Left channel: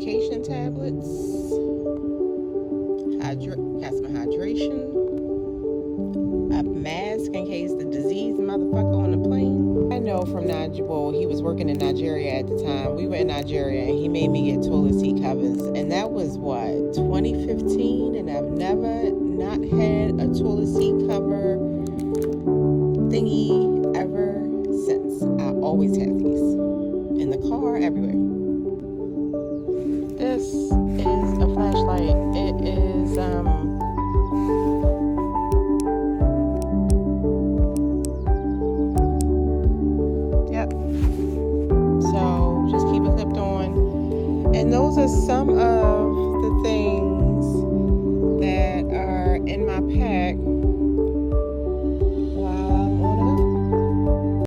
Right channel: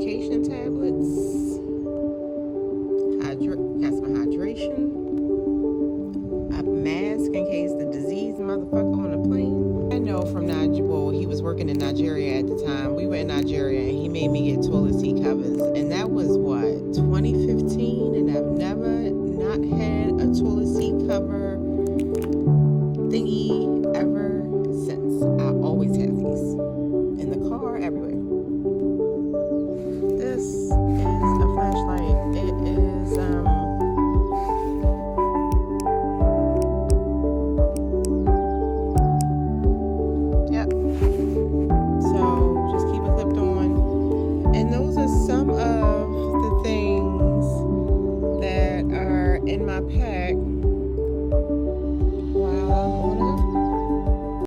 medication tablets. Got some hydration. A mask in case the disease motherfucker on the plane. I know from Nigeria, he was working in Nigeria at the time. We were in Nigeria and he made me get toilet seat covers. And that was what, 2015? And I've never not had a toilet seat cover thingy ever since. I always have these. In the car, everywhere. This is a flashlight. It is, yep. So just keep it clipped on. And those are some of the things that are in my pack